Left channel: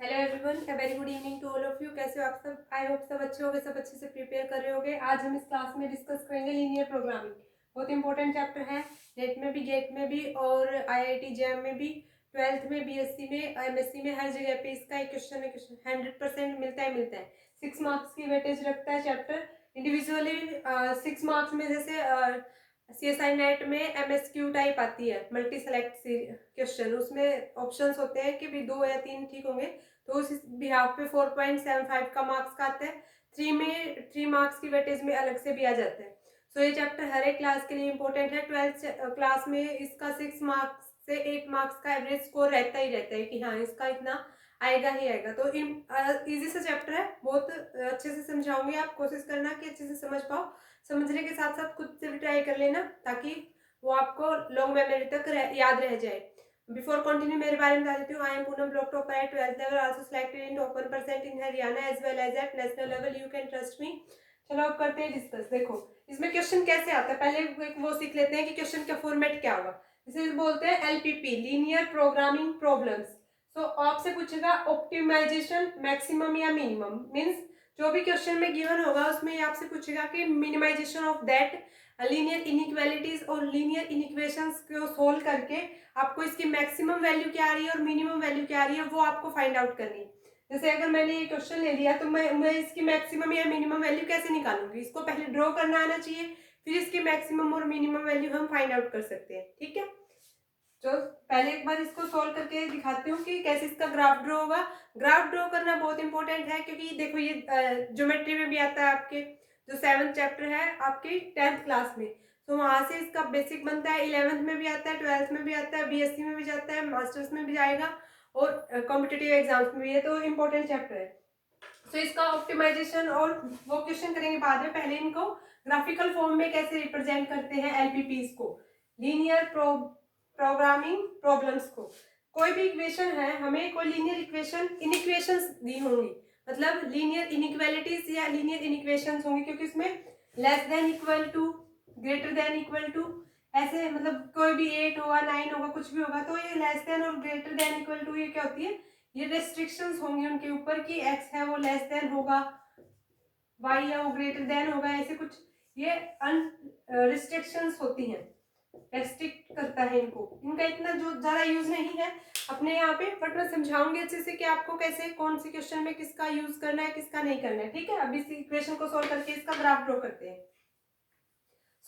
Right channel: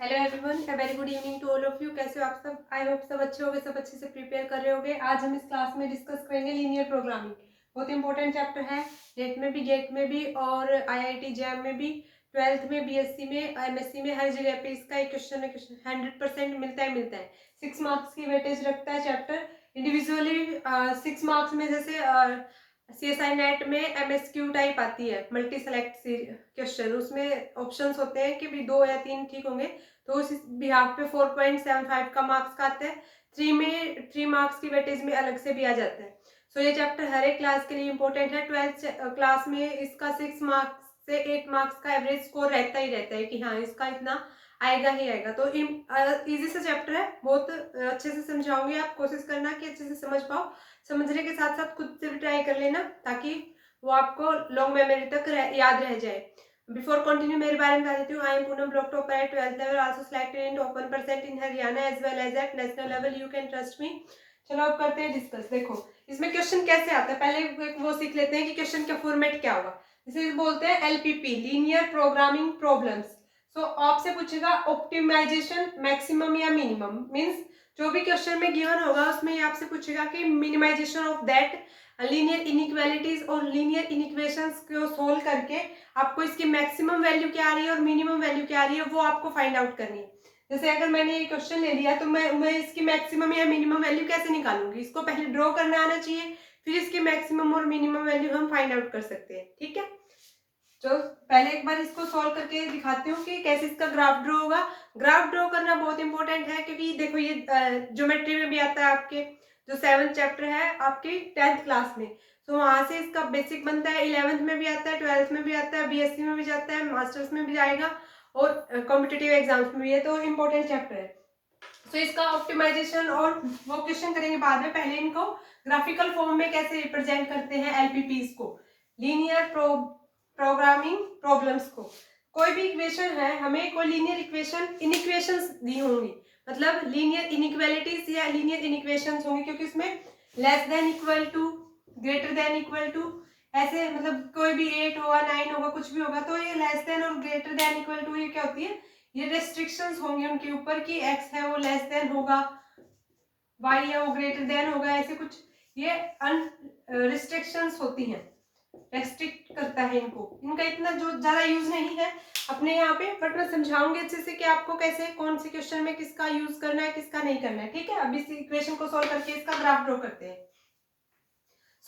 Hello everyone, a very good evening to all of you. कैसे हो आप सब? आई होप सब अच्छे होंगे, सब अच्छे से प्रिपेयर कर रहे होंगे। आज हम इस क्लास में डिस्कस करेंगे लीनियर प्रोग्रामिंग। बहुत इंपॉर्टेंट चैप्टर है, नेट में भी, गेट में भी और आईआईटी जैम में भी, ट्वेल्थ में, बीएससी में, एमएससी में, हर जगह पे इसका एक क्वेश्चन 100% मिलता है। 6 मार्क्स की वेटेज रखता है चैप्टर। इंडिविजुअली 6 मार्क्स में जैसे सीएसआई नेट में एमएसक्यू टाइप आती है, मल्टी सेलेक्ट क्वेश्चन, उसमें ऑप्शंस होते हैं कि भी 2 या 3 ठीक होंगे, तो उस बिहाफ पे 4.75 का मार्क्स का आता है। 3 मार्क्स की वेटेज में अलग से भी आ जाता है। सो ये चैप्टर हर एक क्लास के लिए इंपॉर्टेंट है। 12th क्लास में इसका 6 मार्क्स से 8 मार्क्स का एवरेज स्कोर रहता ही रहता है कि हाँ इसका इतना आएगा ही आएगा। तो इजी सा चैप्टर है, बहुत अच्छे से समझाऊंगी। आप कोशिश करना कि अच्छे से समझ पाओ। समझने के साथ साथ खुद से भी ट्राई कर लेना ताकि वो आपको लॉन्ग मेमोरी तक याद रह जाए। बिफोर कंटिन्यू मेरे बारे में बता देती हूँ। I am Poonam, block topper at 12th level, also selected in top 1% in Haryana as well as at national level. You can trust me. चलो अब करते हैं डिस्कस। देखो इसमें क्वेश्चन कैसे आता है, पहले वो सीख लेते हैं कि क्वेश्चन का फॉर्मेट क्या होगा। इसे बोलते हैं एलपीपी, लीनियर प्रोग्रामिंग प्रॉब्लम्स। सो आपसे पूछेगा ऑप्टिमाइजेशन मैक्सिमम या मिनिमम, मीन्स जो भी क्वेश्चन में गिवन होगा उसमें आपसे पूछेगा कि minimization of that linear inequalities और लीनियर इनइक्वेशंस को सोल्व करके आपको इसकी मैक्सिमम वैल्यू क्या आ रही है और मिनिमम वैल्यू क्या आ रही है वो आपको फाइंड आउट करनी है। जैसे अगर मैंने ये क्वेश्चन ले लिया तो मैं इसकी मैक्सिमम या मिनिमम वैल्यू कैसे निकालूंगी, इसको पहले ड्रॉ करना आना चाहिए, फिर इसकी मैक्सिमम और मिनिमम वैल्यू हम फाइंड आउट कर सकते हैं। ठीक है, तो पहले एक बार इसको सॉल्व करके दिखाती हूँ कि कैसे इसका ग्राफ ड्रॉ होगा। ग्राफ ड्रॉ करना बहुत इंपॉर्टेंट है क्योंकि देखो ये ज्योमेट्री में भी आता है, आपके जो 7th चैप्टर है आपकी 10th क्लास में, तो वहां से इसका बेसिक बनता है। 11th में भी आता है, 12th में भी आता है, बीएससी में भी जाता है, मास्टर्स में भी जाएगा और कॉम्पिटिटिव एग्जाम्स में भी है, तो इम्पोर्टेंट चैप्टर है। तो इसका ऑप्टिमाइजेशन और वो क्वेश्चन करेंगे बाद में। पहले इनको ग्राफिकल फॉर्म में कैसे रिप्रेजेंट करते हैं एलपीपीज को, लीनियर प्रोग्रामिंग प्रॉब्लम्स को। कोई भी इक्वेशन है, हमें कोई लीनियर इक्वेशन इनइक्वेशंस दी होंगी, मतलब लीनियर इनइक्वालिटीज या लीनियर इनइक्वेशंस होंगी, क्योंकि उसमें less than equal to, greater than equal to, ऐसे मतलब कोई भी 8 होगा, 9 होगा, कुछ भी होगा, तो ये लेस देन और ग्रेटर देन इक्वल टू ये क्या होती है, ये रेस्ट्रिक्शंस होंगी उनके ऊपर कि x है वो लेस देन होगा, y है वो ग्रेटर देन होगा, ऐसे कुछ ये रिस्ट्रिक्शंस होती हैं, रेस्ट्रिक्ट करता है इनको। इनका इतना जो ज्यादा यूज नहीं है अपने यहाँ पे, बट मैं समझाऊंगी अच्छे से कि आपको कैसे कौन से क्वेश्चन में किसका यूज करना है, किसका नहीं करना है। ठीक है, अब इस इक्वेशन को सोल्व करके इसका ग्राफ ड्रॉ करते हैं।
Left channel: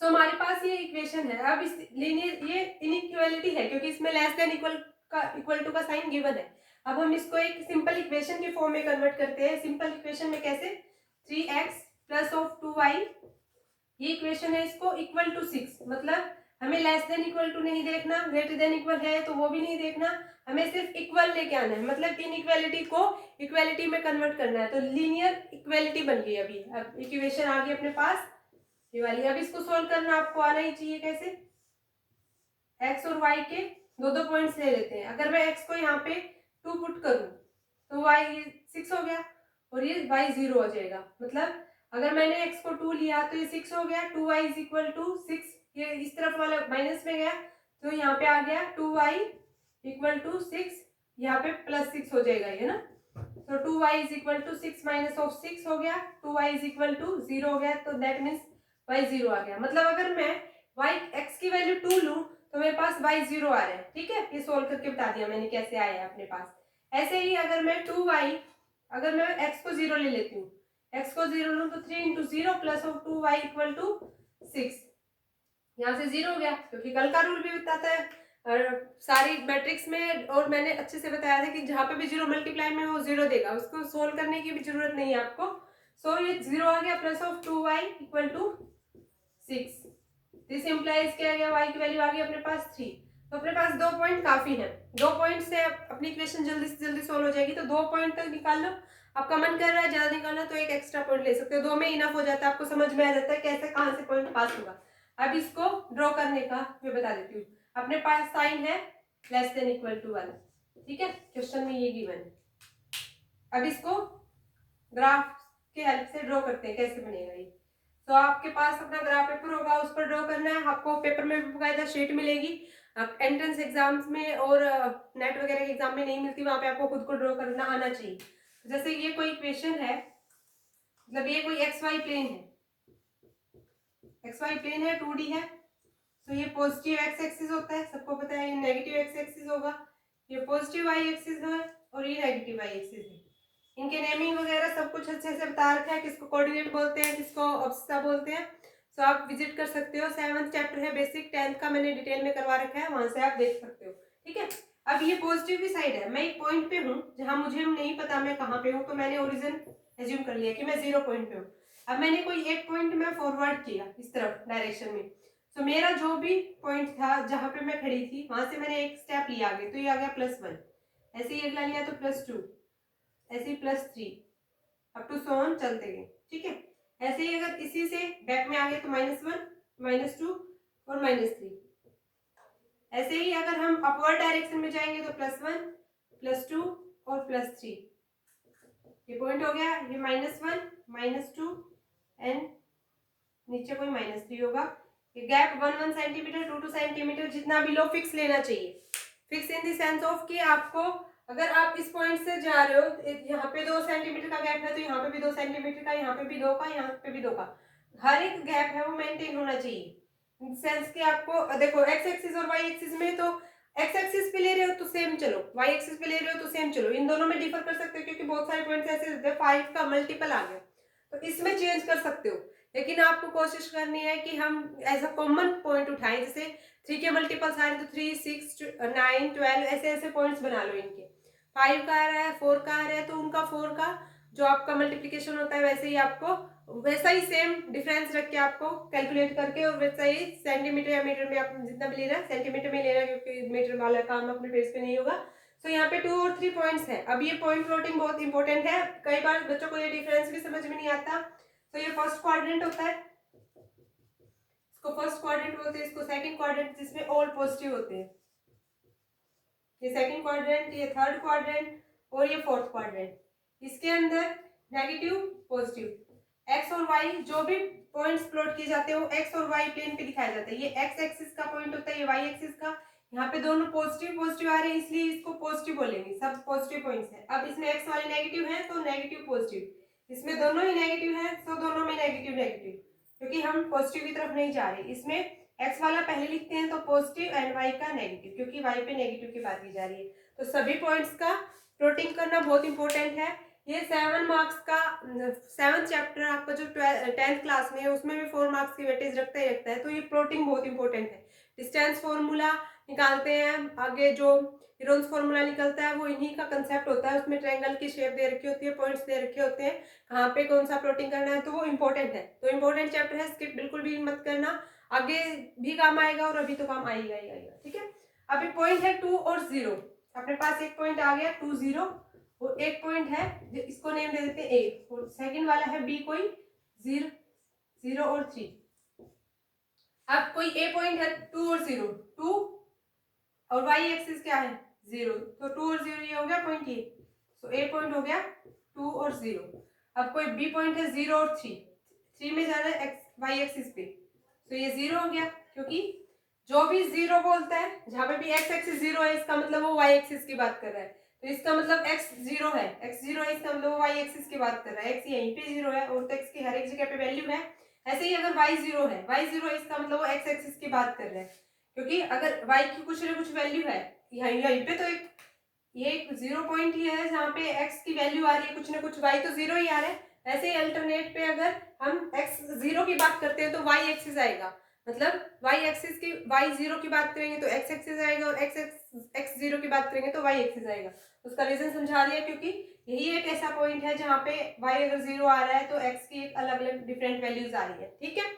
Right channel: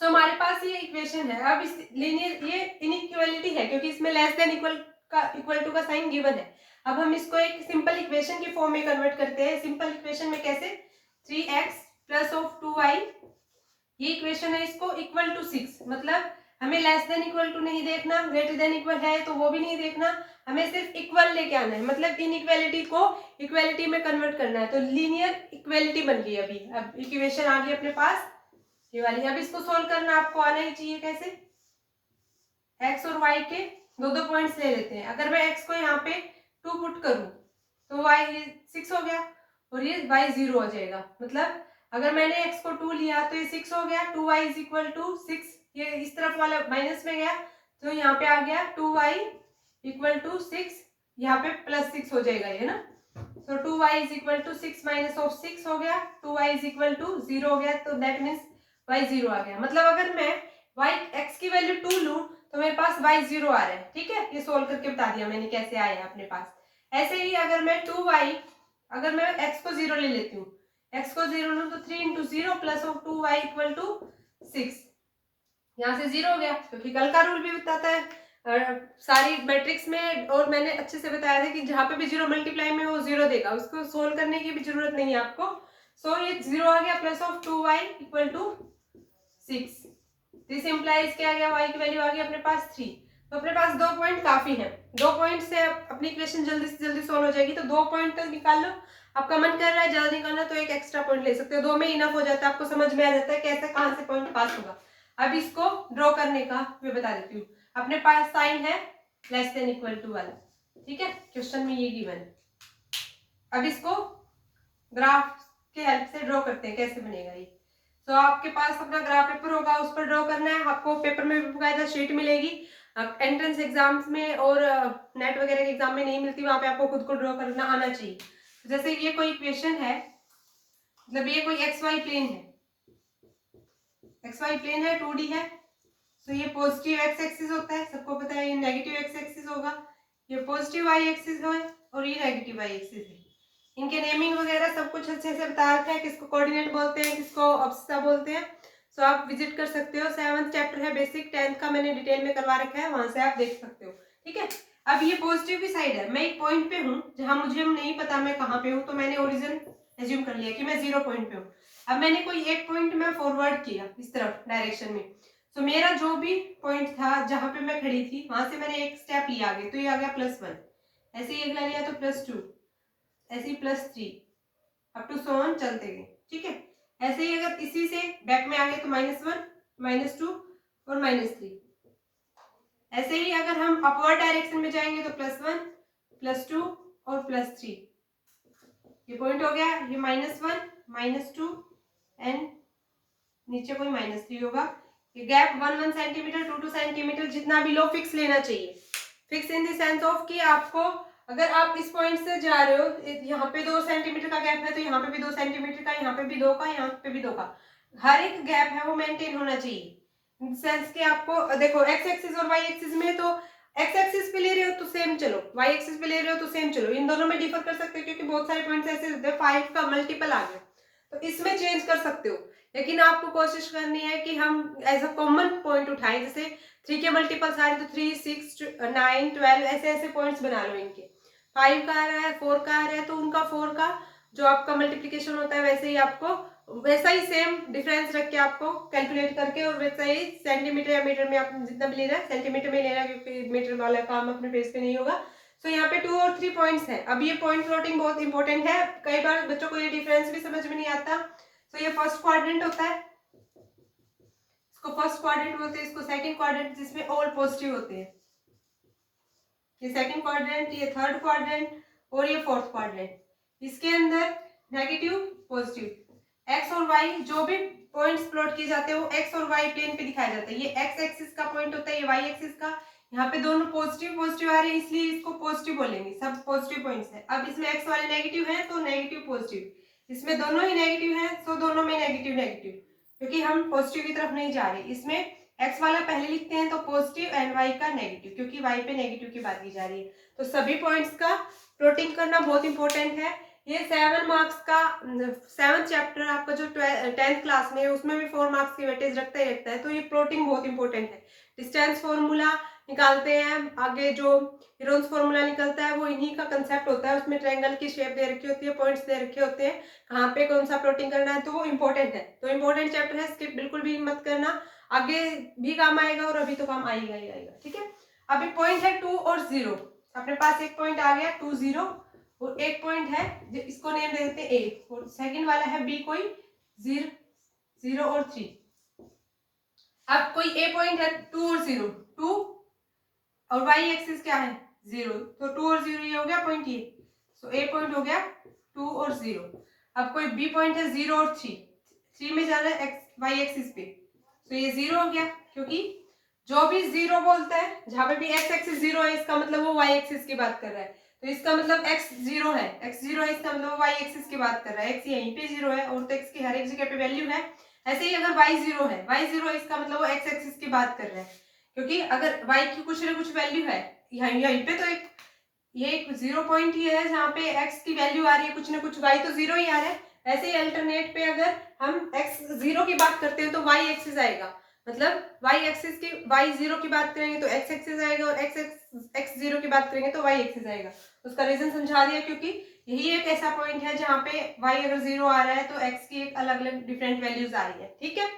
सो हमारे पास ये इक्वेशन है। अब इस लीनियर ये इनइक्वालिटी है क्योंकि इसमें लेस देन इक्वल टू का साइन गिवन है। अब हम इसको एक सिंपल इक्वेशन की फॉर्म में कन्वर्ट करते हैं। सिंपल इक्वेशन में कैसे, 3x प्लस ऑफ 2y, ये इक्वेशन है, इसको इक्वल टू 6, मतलब हमें लेस देन इक्वल टू नहीं देखना, ग्रेटर देन इक्वल है तो वो भी नहीं देखना, हमें सिर्फ इक्वल लेके आना है, मतलब इनइक्वालिटी को इक्वालिटी में कन्वर्ट करना है। तो लीनियर इक्वालिटी बन गई अभी। अब इक्वेशन आ गई अपने पास ये वाली। अब इसको सोल्व करना आपको आना ही चाहिए। कैसे, x और y के दो दो पॉइंट्स ले लेते हैं। अगर मैं x को यहाँ पे 2 पुट करूं तो y ये 6 हो गया और ये y 0 हो जाएगा। मतलब अगर मैंने x को 2 लिया तो ये 6 हो गया, 2y इज इक्वल टू 6, ये इस तरफ वाला माइनस में गया तो यहाँ पे आ गया 2y इक्वल टू 6, यहाँ पे प्लस 6 हो जाएगा ये ना। तो 2y is equal to 6 minus of 6 हो गया, 2y इज इक्वल टू 0 हो गया, तो दैट मीन्स y 0 आ गया। मतलब अगर मैं x की वैल्यू 2 लूं तो मेरे पास y 0 आ रहा है। ठीक है, ये सोल्व करके बता दिया मैंने कैसे आया है अपने पास। ऐसे ही अगर मैं 2y, अगर मैं x को 0 ले लेती हूँ, x को 0 लूं तो 3 into 0 plus of 2y equal to 6, यहाँ से 0 हो गया क्योंकि कल का रूल भी बताता है सारी मैट्रिक्स में, और मैंने अच्छे से बताया था कि जहाँ पे भी 0 मल्टीप्लाई में वो 0 देगा, उसको सोल्व करने की भी जरूरत नहीं है आपको। सो ये 0 आ गया plus of 2y equal to 6, this implies क्या आ गया, y की वैल्यू आ गई अपने पास 3। तो अपने पास 2 पॉइंट काफी है, 2 पॉइंट से अपनी इक्वेशन जल्दी से जल्दी सोल्व हो जाएगी। तो 2 पॉइंट तक निकाल लो। आपका मन कर रहा है ज्यादा निकालना तो एक एक्स्ट्रा पॉइंट ले सकते हो, 2 में इनफ हो जाता है, आपको समझ में आ जाता है कैसे कहाँ से पॉइंट पास होगा। अब इसको ड्रॉ करने का मैं बता देती हूँ। अपने पास साइन है लेस देन इक्वल टू वाला, ठीक है, क्वेश्चन में ये गिवन है। अब इसको ग्राफ के हेल्प से ड्रॉ करते हैं, कैसे बनेगा ये। तो आपके पास अपना ग्राफ पेपर होगा, उस पर ड्रॉ करना है। आपको पेपर में भी बकायदा शीट मिलेगी, अब एंट्रेंस एग्जाम्स में और नेट वगैरह के एग्जाम में नहीं मिलती, वहां पे आपको खुद को ड्रॉ करना आना चाहिए। जैसे ये कोई इक्वेशन है, मतलब ये कोई एक्स वाई प्लेन है, एक्स वाई प्लेन है, 2D है, तो ये पॉजिटिव एक्स एक्सिस होता है, सबको पता है। ये नेगेटिव एक्स एक्सिस होगा, ये पॉजिटिव वाई एक्सिस है और ये नेगेटिव वाई एक्सिस है। इनके नेमिंग वगैरह सब कुछ अच्छे से बता रखा है, किसको कोऑर्डिनेट बोलते हैं, किसको अब्सिसा बोलते हैं। सो आप विजिट कर सकते हो। 7th चैप्टर है बेसिक, 10th का मैंने डिटेल में करवा रखा है, वहां से आप देख सकते हो। ठीक है, अब ये पॉजिटिव की साइड है, मैं एक पॉइंट पे हूँ जहां मुझे नहीं पता मैं कहाँ पे हूँ, तो मैंने ओरिजिन एज्यूम कर लिया कि मैं 0 पॉइंट पे हूँ। अब मैंने कोई एक पॉइंट में फॉरवर्ड किया इस तरफ डायरेक्शन में, तो मेरा जो भी पॉइंट था जहां पे मैं खड़ी थी, वहां से मैंने एक स्टेप लिया आगे, तो ये आ गया +1, ऐसे ही अगला लिया तो +2, ऐसे ही +3, अप टू सो ऑन चलते गए। ठीक है, ऐसे ही अगर इसी से बैक में आ गए तो -1, -2 और -3। ऐसे ही अगर हम अपवर्ड डायरेक्शन में जाएंगे तो +1, +2 और +3। ये पॉइंट हो गया, ये -1, -2 एंड नीचे कोई -3 होगा। ये गैप 1 सेंटीमीटर, 2 सेंटीमीटर, जितना भी लो फिक्स लेना चाहिए। Fix in the sense of कि आपको, अगर आप इस पॉइंट से जा रहे हो, यहाँ पे 2 सेंटीमीटर का गैप है, तो यहाँ पे भी 2 सेंटीमीटर का, यहाँ पे भी 2 का, यहाँ पे भी 2 का, हर एक गैप है वो मेंटेन होना चाहिए। इन सेंस कि आपको देखो एक्स एक्सिस और वाई एक्सिस में, तो एक्स एक्सिस पे ले रहे हो तो सेम चलो, वाई एक्सिस पे ले रहे हो तो सेम चलो। इन दोनों में डिफर कर सकते हो क्योंकि बहुत सारे पॉइंट्स ऐसे होते हैं 5 का मल्टीपल आ गया, तो इसमें चेंज कर सकते हो। लेकिन आपको कोशिश करनी है कि हम एज अ कॉमन पॉइंट उठाएं, जैसे 3 के मल्टीपल्स आ रहे तो 3, 6, 9, 12 ऐसे ऐसे पॉइंट्स बना लो इनके। 5 का आ रहा है, 4 का आ रहा है, तो उनका 4 का जो आपका मल्टीप्लिकेशन होता है वैसे ही आपको, वैसा ही सेम डिफरेंस रख के आपको कैलकुलेट करके, और वैसा ही सेंटीमीटर या मीटर में आप जितना भी ले रहा है सेंटीमीटर में ले रहा है, क्योंकि मीटर वाला काम अपने पेज पे नहीं होगा। तो यहाँ पे 2 और 3 पॉइंट्स है। अब ये पॉइंट प्लॉटिंग बहुत इंपॉर्टेंट है, कई बार बच्चों को ये डिफरेंस भी समझ में नहीं आता। तो ये फर्स्ट क्वाड्रेंट होता है, इसको फर्स्ट क्वाड्रेंट बोलते हैं, इसको सेकंड क्वाड्रेंट जिसमें ऑल पॉजिटिव होते हैं, ये सेकंड क्वाड्रेंट, ये थर्ड क्वाड्रेंट और ये फोर्थ क्वाड्रेंट। इसके अंदर नेगेटिव पॉजिटिव एक्स और वाई जो भी पॉइंट्स प्लॉट किए जाते हैं वो एक्स और वाई प्लेन पे दिखाया जाता है। ये एक्स एक्सिस का पॉइंट होता है, ये वाई एक्सिस का। यहाँ पे दोनों पॉजिटिव पॉजिटिव आ रहे हैं इसलिए इसको पॉजिटिव बोलेंगे, सब पॉजिटिव पॉइंट्स है। अब इसमें एक्स वाले नेगेटिव है तो नेगेटिव पॉजिटिव, इसमें दोनों ही नेगेटिव है तो दोनों में नेगेटिव नेगेटिव, क्योंकि हम पॉजिटिव की तरफ नहीं जा रहे। इसमें एक्स वाला पहले लिखते हैं तो पॉजिटिव एंड वाई का नेगेटिव, क्योंकि वाई पे नेगेटिव की बात की जा रही है। तो सभी पॉइंट्स का प्लॉटिंग करना बहुत इंपॉर्टेंट है। ये 7 मार्क्स का 7th चैप्टर आपका जो 10th क्लास में है उसमें भी 4 मार्क्स की वेटेज रखता ही रखता है, तो ये प्लॉटिंग बहुत इंपॉर्टेंट है। डिस्टेंस फॉर्मूला निकालते हैं, आगे जो हीरोन्स फॉर्मूला निकलता है वो इन्हीं का कंसेप्ट होता है। उसमें ट्रायंगल की शेप दे रखी होती है, पॉइंट्स दे रखे होते हैं, कहाँ पे कौन सा प्लॉटिंग करना है, तो वो इंपॉर्टेंट है। तो इंपॉर्टेंट चैप्टर है, स्किप बिल्कुल भी मत करना, आगे भी काम आएगा और अभी तो काम आएगा ही आएगा। ठीक है, अभी पॉइंट है 2 और 0, अपने पास एक पॉइंट आ गया 2, 0, और एक पॉइंट है इसको नेम दे देते हैं ए, और सेकंड वाला है बी कोई 0, 0 और 3। अब कोई ए पॉइंट है 2 और 0, 2 और वाई एक्सिस क्या है 0, तो 2 और 0 ये हो गया पॉइंट ये, तो ए पॉइंट हो गया 2 और 0। अब कोई बी पॉइंट है 0 और 3, 3 में जा रहा है एक्स वाई एक्सिस पे, तो ये 0 हो गया, क्योंकि जो भी 0 बोलता है जहां पे भी एक्स एक्सिस 0 है इसका मतलब वो वाई एक्सिस की बात कर रहा है। तो इसका मतलब x 0 है, x 0 है इसका मतलब y एक्सिस की बात कर रहा है, x यहीं पे 0 है और तो x की हर एक जगह पे वैल्यू है। ऐसे ही अगर y 0 है, y 0 है इसका मतलब वो x एक्सिस की बात कर रहा है, क्योंकि अगर y की कुछ ना कुछ वैल्यू है, यहीं पे तो एक 0 पॉइंट ही है जहाँ पे x की वैल्यू आ रही है कुछ ना कुछ, y तो 0 ही आ रहा है। ऐसे ही अल्टरनेट पे अगर हम x 0 की बात करते हैं तो y एक्सिस आएगा, मतलब y एक्सिस की y 0 की बात करेंगे तो x एक्सिस आएगा, और x 0 की बात करेंगे तो y एक्सिस आएगा। उसका रीजन समझा दिया, क्योंकि यही एक ऐसा पॉइंट है जहाँ पे y अगर 0 आ रहा है तो x की एक अलग अलग डिफरेंट वैल्यूज आ रही है। ठीक है,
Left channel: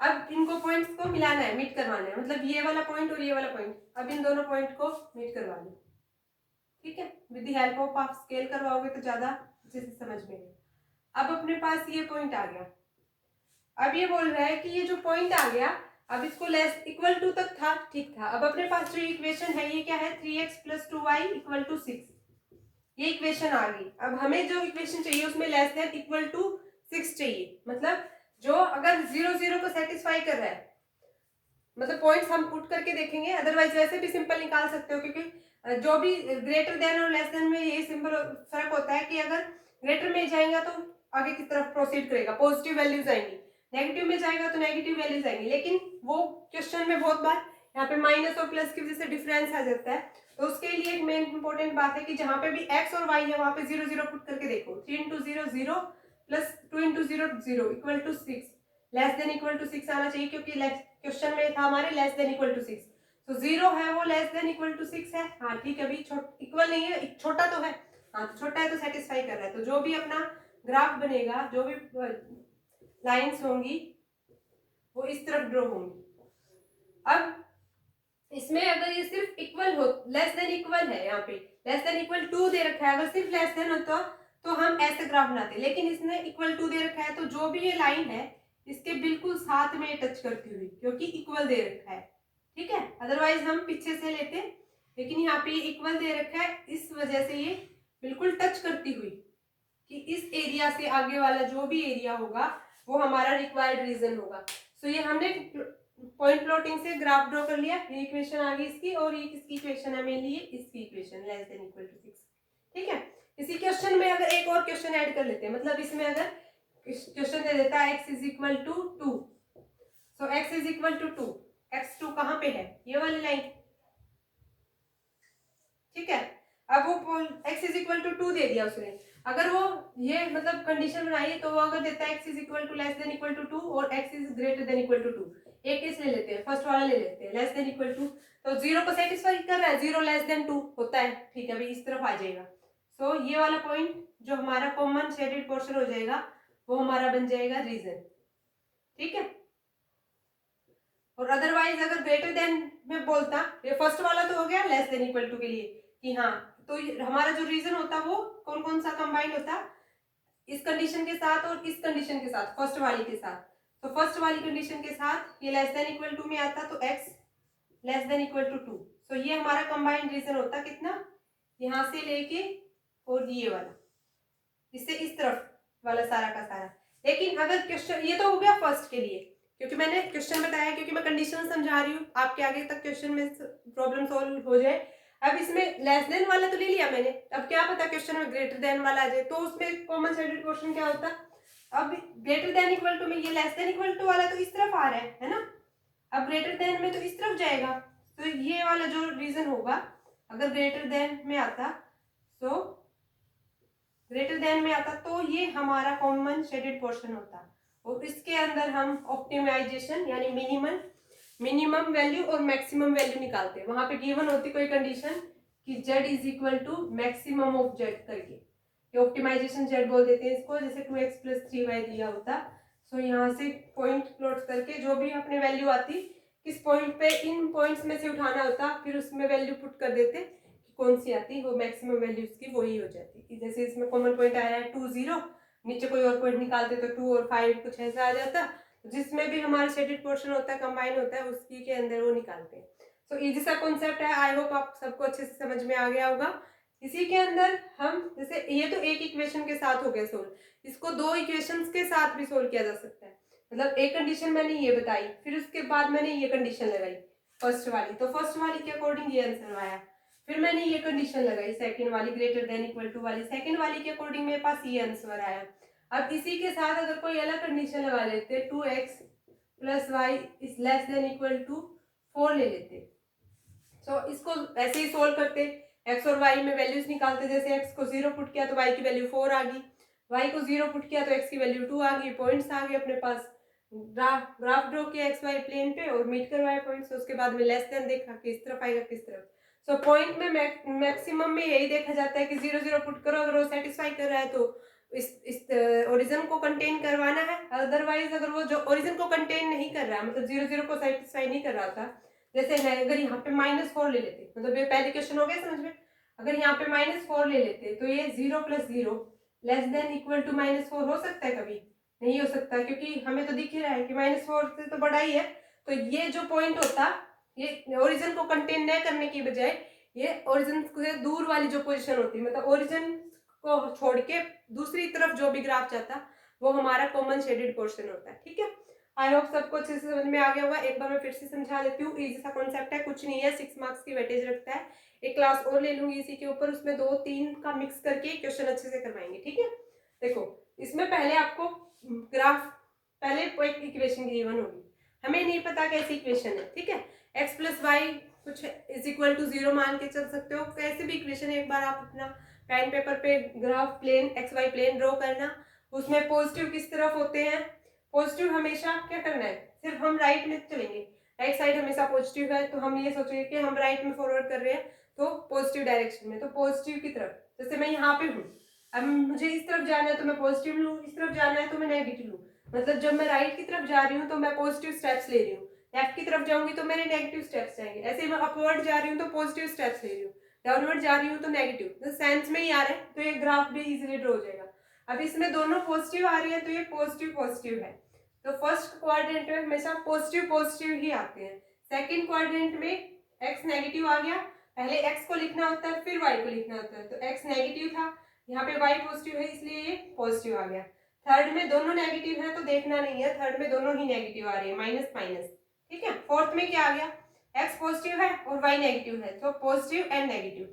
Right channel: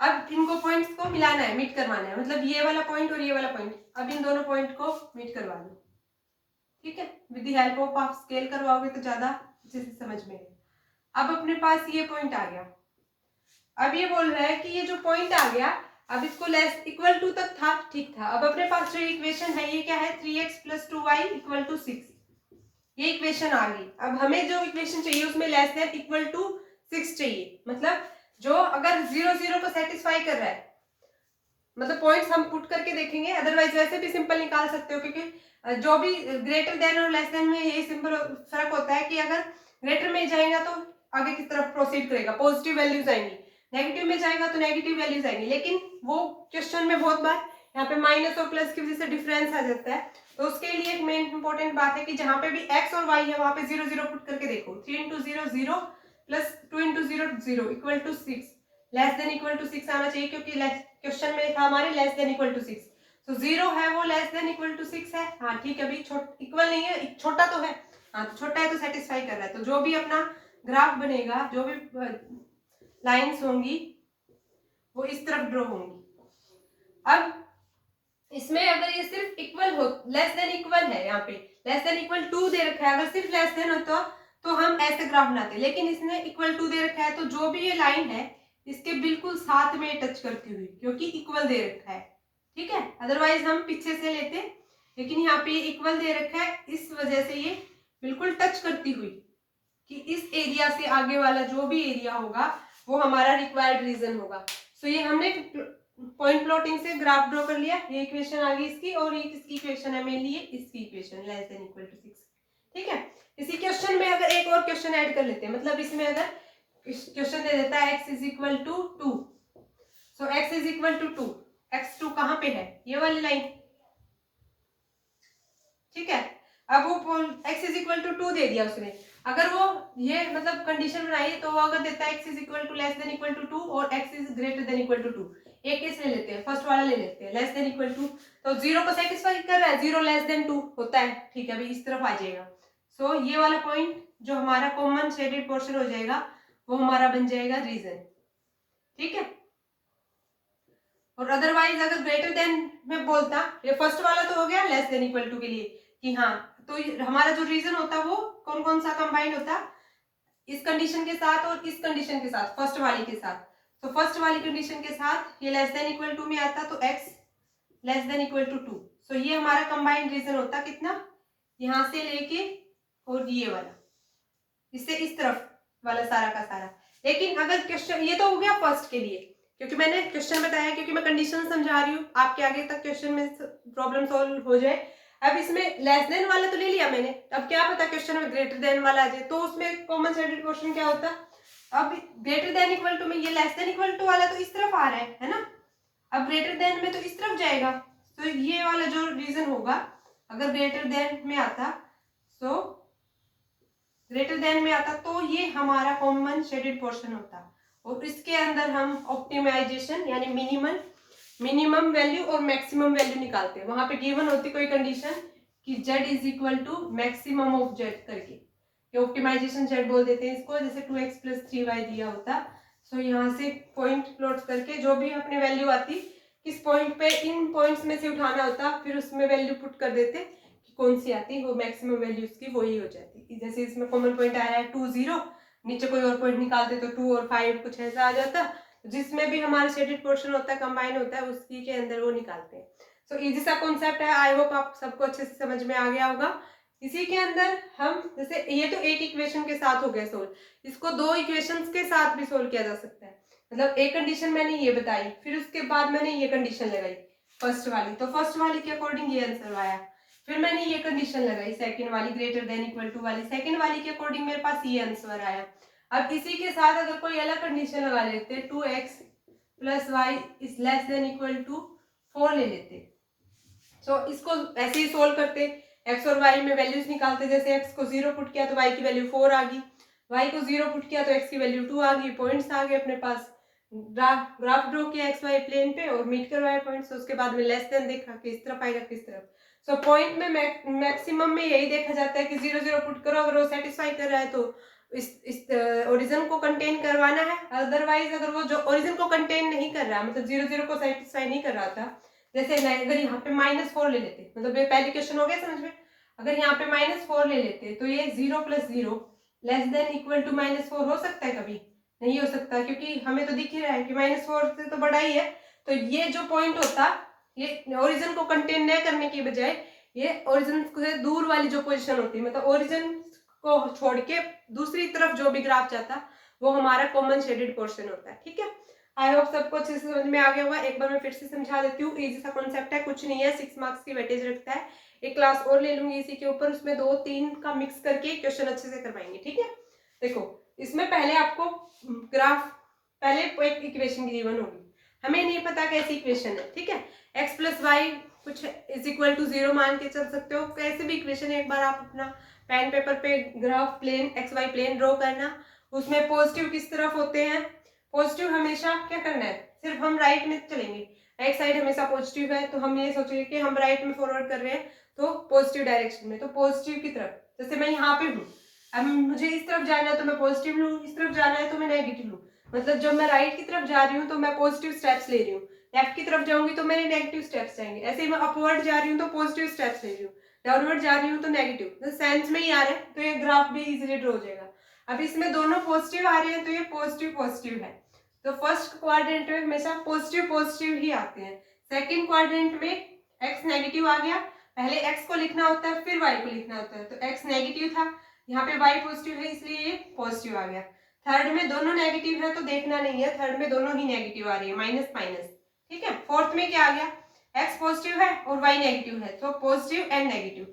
अब इनको पॉइंट्स को मिलाना है, मीट करवाना है, मतलब ये वाला पॉइंट और ये वाला पॉइंट, अब इन दोनों पॉइंट को मीट करवा लो। ठीक है, विद द हेल्प ऑफ आप स्केल करवाओगे तो ज्यादा अच्छे से समझ में आएगा। अब अपने पास ये पॉइंट आ गया, अब ये बोल रहा है कि ये जो पॉइंट आ गया, अब इसको लेस इक्वल टू तक था, ठीक था। अब अपने पास जो इक्वेशन है ये क्या है, 3x + 2y = 6, ये इक्वेशन आ गई। अब हमें जो इक्वेशन चाहिए उसमें लेस देन इक्वल टू 6 चाहिए, मतलब जो अगर 0, 0 को सेटिस्फाई कर रहा है, मतलब पॉइंट्स हम पुट करके देखेंगे, अदरवाइज वैसे भी सिंपल निकाल सकते हो, क्योंकि जो भी ग्रेटर देन और लेस देन में ये सिंपल फर्क होता है कि अगर ग्रेटर में जाएगा तो आगे की तरफ प्रोसीड करेगा, पॉजिटिव वैल्यूज आएंगी, नेगेटिव में जाएगा तो नेगेटिव वैल्यूज आएंगी। लेकिन वो क्वेश्चन में बहुत बार यहाँ पे माइनस और प्लस की वजह से डिफरेंस आ जाता है, तो उसके लिए एक मेन इंपॉर्टेंट बात है कि जहाँ पे भी एक्स और वाई है वहां पे 0 0 पुट करके देखो। 3 into 0 0 plus 2 into 0 0 equal to 6, less than equal to 6 आना चाहिए, क्योंकि क्वेश्चन में था हमारे लेस देन इक्वल टू 6, तो 0 है वो लेस देन इक्वल टू 6 है। हाँ ठीक है, अभी इक्वल नहीं है, छोटा तो है, हाँ तो छोटा है तो सेटिस्फाई कर रहा है। तो जो भी अपना ग्राफ बनेगा, जो भी लाइंस होंगी वो इस तरफ ड्रॉ होंगी। अब इसमें अगर ये सिर्फ इक्वल हो, लेस देन इक्वल है, यहाँ पे लेस देन इक्वल टू दे रखा है, अगर सिर्फ लेस देन होता तो हम ऐसे ग्राफ बनाते, लेकिन इसने इक्वल टू दे रखा है, तो जो भी ये लाइन है इसके बिल्कुल साथ में टच करती हुई, क्योंकि इक्वल दे रखा है, ठीक है, अदरवाइज हम पीछे से लेते, लेकिन यहाँ पे इक्वल दे रखा है, इस वजह से ये बिल्कुल टच करती हुई कि इस एरिया से आगे वाला जो भी एरिया होगा वो हमारा रिक्वायर्ड रीजन होगा। सो ये हमने पॉइंट प्लॉटिंग से ग्राफ ड्रॉ कर लिया, ये इक्वेशन आ गई इसकी, और ये किसकी इक्वेशन है मेनली, ये इसकी equation less than equal to 6, ठीक है। इसी क्वेश्चन में अगर एक और क्वेश्चन ऐड कर लेते हैं, मतलब इसमें अगर क्वेश्चन दे देता है x is equal to 2, so x is equal to 2, x2 कहाँ पे है, ये वाली लाइन, ठीक है। अब वो x इज इक्वल टू 2 दे दिया उसने, अगर वो ये मतलब कंडीशन बनाई तो वो अगर देता है x is equal to less than equal to 2 और x is greater than equal to 2, एक केस ले लेते हैं, फर्स्ट वाला ले लेते हैं, लेस देन इक्वल टू, तो 0 को सेटिस्फाई कर रहा है, 0 लेस देन 2 होता है, ठीक है, अभी इस तरफ आ जाएगा। सो ये वाला पॉइंट जो हमारा कॉमन शेडेड पोर्शन हो जाएगा वो हमारा बन जाएगा रीजन, ठीक है। और अदरवाइज अगर ग्रेटर देन में बोलता, ये फर्स्ट वाला तो हो गया लेस देन इक्वल टू के लिए कि हाँ, तो हमारा जो रीजन होता वो कौन कौन सा कंबाइंड होता, इस कंडीशन के साथ और इस कंडीशन के साथ, फर्स्ट वाली के साथ, तो फर्स्ट वाली कंडीशन के साथ ये लेस देन इक्वल टू में आता तो x less than equal to 2, so ये हमारा कंबाइंड रीजन होता कितना, यहाँ से लेके और ये वाला, इससे इस तरफ वाला सारा का सारा। लेकिन अगर क्वेश्चन, ये तो हो गया फर्स्ट के लिए, क्योंकि मैंने क्वेश्चन बताया, क्योंकि मैं कंडीशन समझा रही हूँ, आपके आगे तक क्वेश्चन में प्रॉब्लम सॉल्व हो जाए। अब इसमें लेस देन वाला तो ले लिया मैंने, अब क्या पता क्वेश्चन में ग्रेटर देन वाला आ जाए, तो उसमें कॉमन शेडेड पोर्शन क्या होता, अब ग्रेटर देन इक्वल टू में ये लेस देन इक्वल टू वाला तो इस तरफ आ रहा है ना, अब ग्रेटर देन में तो इस तरफ जाएगा, तो ये वाला जो रीजन होगा अगर ग्रेटर देन में आता, तो ग्रेटर देन में आता तो ये हमारा कॉमन शेडेड पोर्शन होता, और इसके अंदर हम ऑप्टिमाइजेशन यानी मिनिमम वैल्यू और मैक्सिमम वैल्यू निकालते हैं। वहां पे गिवन होती कोई कंडीशन कि z is equal to maximum of z करके, ये ऑप्टिमाइजेशन z बोल देते हैं इसको, जैसे 2x प्लस 3y दिया होता। सो यहाँ से पॉइंट प्लॉट करके जो भी अपनी वैल्यू आती, किस पॉइंट पे इन पॉइंट्स में से उठाना होता, फिर उसमें वैल्यू पुट कर देते कि कौन सी आती, वो मैक्सिमम वैल्यू उसकी वही हो जाती। जैसे इसमें कॉमन पॉइंट आया है 2 0, नीचे कोई और पॉइंट निकालते तो 2 और 5 कुछ ऐसा आ जाता, जिसमें भी हमारा शेडेड पोर्शन होता है कंबाइन होता है उसकी के अंदर वो निकालते हैं। सो इजी सा कॉन्सेप्ट है, आई होप आप सबको अच्छे से समझ में आ गया होगा। इसी के अंदर हम जैसे ये तो एक इक्वेशन के साथ हो गया सोल्व, इसको दो इक्वेशंस के साथ भी सोल्व किया जा सकता है। मतलब एक कंडीशन मैंने ये बताई, फिर उसके बाद मैंने ये कंडीशन लगाई फर्स्ट वाली, तो फर्स्ट वाली के अकॉर्डिंग ये आंसर आया, फिर मैंने ये कंडीशन लगाई सेकंड वाली ग्रेटर देन इक्वल टू वाली, सेकंड वाली के अकॉर्डिंग मेरे पास ये आंसर आया। अब इसी के साथ अगर कोई अलग कंडीशन लगा लेते 2x plus y is less than equal to 4 ले लेते, तो इसको ऐसे ही सोल्व करते, x और y में वैल्यूज निकालते, जैसे x को 0 पुट किया तो y की वैल्यू 4 आ गई, y को 0 पुट किया तो x की वैल्यू 2 आ गई, पॉइंट्स आ गए अपने पास, ग्राफ ड्रॉ किया एक्स वाई प्लेन पे और मीट करवाए पॉइंट्स, उसके बाद में लेस देन देखा किस तरफ आएगा किस तरफ। सो पॉइंट में मैक्सिमम में यही देखा जाता है कि 0 0 पुट करो, अगर वो सेटिस्फाई कर रहा है तो इस ओरिजिन को कंटेन करवाना है, अदरवाइज अगर वो जो ओरिजिन को कंटेन नहीं कर रहा, मतलब 0 0 को सेटिस्फाई नहीं कर रहा था, जैसे अगर यहाँ पे -4 ले लेते, मतलब ये पहले क्वेश्चन हो गया समझ में, अगर यहाँ पे -4 ले लेते तो ये 0 + 0 लेस देन इक्वल टू -4 हो सकता है, कभी नहीं हो सकता, क्योंकि हमें तो दिख ही रहा है कि -4 से तो बड़ा ही है। तो ये जो पॉइंट होता, ये ओरिजिन को कंटेन न करने की बजाय ये ओरिजिन से दूर वाली जो पोजीशन होती, मतलब ओरिजिन को छोड़ के दूसरी तरफ जो भी ग्राफ जाता वो हमारा कॉमन शेडेड पोर्शन होता है, ठीक है। आई होप सबको अच्छे से समझ में आ गया होगा। एक बार मैं फिर से समझा देती हूँ। इजी सा कॉन्सेप्ट है, कुछ नहीं है, 6 मार्क्स की वेटेज रखता है। एक क्लास और ले लूंगी इसी के ऊपर, उसमें 2-3 का मिक्स करके क्वेश्चन अच्छे से करवाएंगे, ठीक है। देखो, इसमें पहले आपको ग्राफ, पहले एक इक्वेशन गिवन होगी, हमें नहीं पता कैसी इक्वेशन है, ठीक है। एक्स प्लस वाई कुछ इज इक्वल टू 0 मान के चल सकते हो, कैसे भी इक्वेशन है। एक बार आप अपना पेन पेपर पे graph plane x y plane draw करना, उसमें पॉजिटिव किस तरफ होते हैं, पॉजिटिव हमेशा क्या करना है, सिर्फ हम राइट में चलेंगे, राइट साइड हमेशा पॉजिटिव है, तो हम ये सोचेंगे कि हम राइट में फॉरवर्ड कर रहे हैं तो पॉजिटिव डायरेक्शन में, तो पॉजिटिव की तरफ। जैसे मैं यहाँ पे हूँ, अब मुझे इस तरफ जाना है तो मैं पॉजिटिव लूँ, इस तरफ जाना है तो मैं नेगेटिव लूँ। मतलब जब मैं राइट की तरफ जा रही हूँ तो मैं पॉजिटिव स्टेप्स ले रही हूँ, लेफ्ट की तरफ जाऊंगी तो मेरे नेगेटिव स्टेप्स जाएंगे। ऐसे ही मैं अपवर्ड जा रही हूँ तो पॉजिटिव स्टेप्स ले रही हूँ, डाउनवर्ड जा रही हूँ तो नेगेटिव। सेंस में ही आ रहा है तो ये ग्राफ भी इजीली ड्रॉ हो जाएगा। अब इसमें दोनों पॉजिटिव आ रही है तो ये पॉजिटिव पॉजिटिव है, तो फर्स्ट क्वाड्रेंट में हमेशा पॉजिटिव पॉजिटिव ही आते हैं। सेकंड क्वाड्रेंट में एक्स नेगेटिव आ गया, पहले एक्स को लिखना होता है फिर वाई को लिखना होता है, तो एक्स नेगेटिव था, यहाँ पे वाई पॉजिटिव है इसलिए ये पॉजिटिव आ गया। थर्ड में दोनों नेगेटिव है तो देखना नहीं है, थर्ड में दोनों ही नेगेटिव आ रही है, माइनस माइनस, ठीक है। फोर्थ में क्या आ गया, एक्स पॉजिटिव है और वाई नेगेटिव है, तो पॉजिटिव एंड नेगेटिव,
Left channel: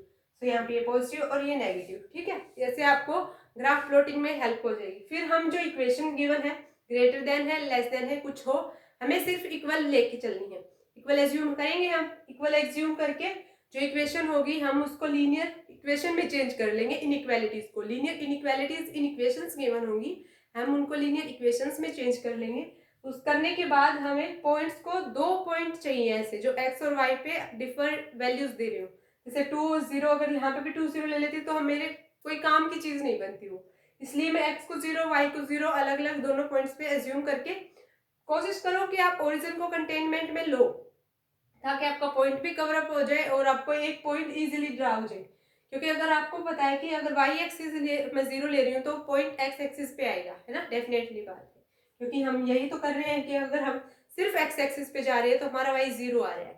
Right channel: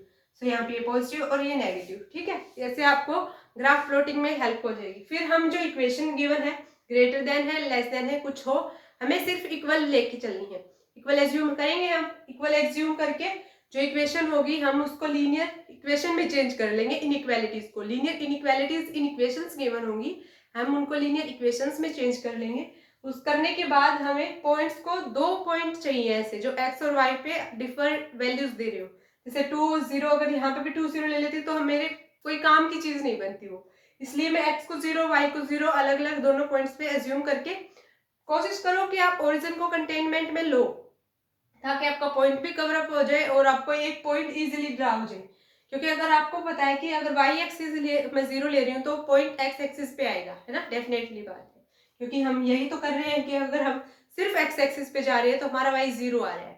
तो यहाँ पे ये पॉजिटिव और ये नेगेटिव, ठीक है। ऐसे आपको ग्राफ प्लॉटिंग में हेल्प हो जाएगी। फिर हम जो इक्वेशन गिवन है, ग्रेटर देन है, लेस देन है, कुछ हो, हमें सिर्फ इक्वल लेके चलनी है। इक्वल एज्यूम करेंगे हम, इक्वल एज्यूम करके जो इक्वेशन होगी हम उसको लीनियर इक्वेशन में चेंज कर लेंगे। इनइक्वालिटीज को, लीनियर इनइक्वालिटीज इन इक्वेशंस गिवन होंगी, हम उनको लीनियर इक्वेशंस में चेंज कर लेंगे। उस करने के बाद हमें पॉइंट्स को 2 पॉइंट चाहिए ऐसे जो एक्स और वाई पे डिफरेंट वैल्यूज दे रहे हो, जैसे 2 0, अगर यहाँ पे भी 2 0 ले लेती तो हम मेरे कोई काम की चीज नहीं बनती वो, इसलिए मैं एक्स को 0 वाई को 0 अलग अलग दोनों पॉइंट्स पे एज्यूम करके कोशिश करो कि आप ओरिजिन को कंटेनमेंट में लो, ताकि आपका पॉइंट भी कवर अप हो जाए और आपको एक पॉइंट इजीली ड्रा हो जाए। क्योंकि अगर आपको पता है कि अगर वाई एक्सिस मैं 0 ले रही हूँ तो पॉइंट एक्स एक्सिस पे आएगा, है ना, डेफिनेटली बात है। क्योंकि हम यही तो कर रहे हैं कि अगर हम सिर्फ एक्स एक्सिस पे जा रहे हैं तो हमारा वाई 0 आ रहा है।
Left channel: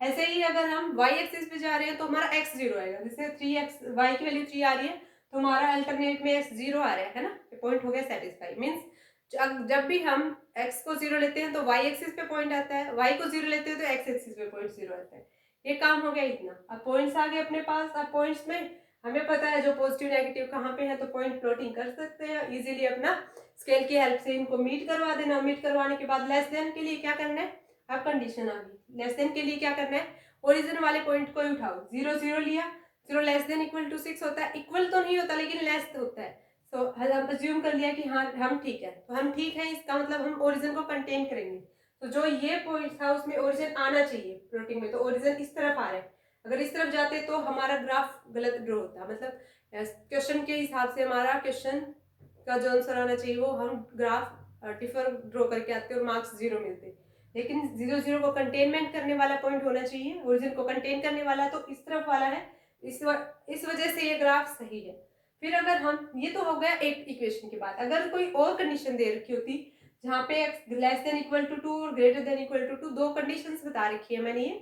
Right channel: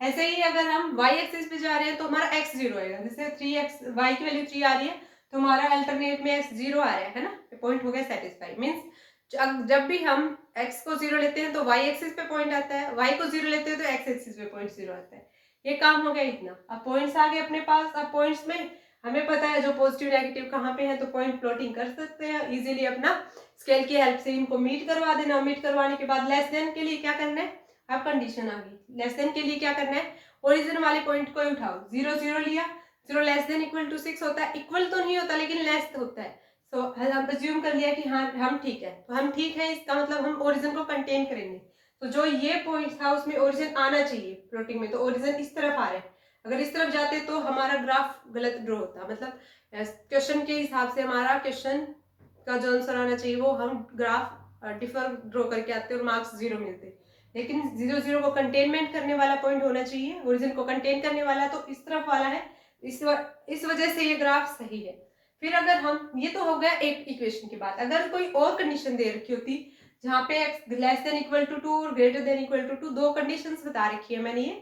ऐसे ही अगर हम वाई एक्सिस पे जा रहे हैं तो हमारा एक्स 0 आएगा, जैसे 3x, वाई की वैल्यू 3 आ रही है तो हमारा अल्टरनेट में एक्स 0 आ रहा है ना, पॉइंट हो गया सेटिस्फाई। मीन्स जब भी हम x को 0 लेते हैं तो y एक्सिस पे पॉइंट आता है, y को 0 लेते हैं तो x एक्सिस पे पॉइंट 0 आता है। ये काम हो गया इतना। अब पॉइंट्स आ गए अपने पास। अब पॉइंट्स में हमें पता है जो पॉजिटिव नेगेटिव कहाँ पे है, तो पॉइंट प्लॉटिंग कर सकते हैं इजीली अपना स्केल की हेल्प से। इनको मीट करवा देना, मीट करवाने के बाद लेस देन के लिए क्या करना है, अब कंडीशन आ गई, लेस देन के लिए क्या करना है, ओरिजिन वाले पॉइंट को ही उठाओ। 0 0 लिया, 0 लेस देन इक्वल टू 6 होता है, इक्वल तो नहीं होता लेकिन लेस होता है। तो हम अज्यूम कर लिया कि हाँ हम ठीक है, तो हम ठीक है इसका मतलब हम ओरिजिन को कंटेन करेंगे। तो जो ये पॉइंट था उसमें ओरिजिन आना चाहिए प्लॉटिंग में, तो ओरिजिन इस तरफ आ रहा है, अगर इस तरफ जाते तो हमारा ग्राफ गलत ड्रॉ होता, मतलब क्वेश्चन के हिसाब से हमारा क्वेश्चन का जो आंसर आना चाहिए वो हम ग्राफ डिफर ड्रॉ करके आते और मार्क्स 0 मिलते। लेकिन 0 0 को कंटेनमेंट करने वाला पॉइंट होना चाहिए, ओरिजिन को कंटेन करने वाला, तो इस तरफ वाला है, इस वजह से ये ग्राफ सही है। फिर अगर हम, ये तो हो गया एक इक्वेशन की बात, अगर कोई और कंडीशन दे रखी होती जहाँ पे x less than equal to 2 और ग्रेटर देन इक्वल टू 2, दो कंडीशंस बता रखी है मैंने ये,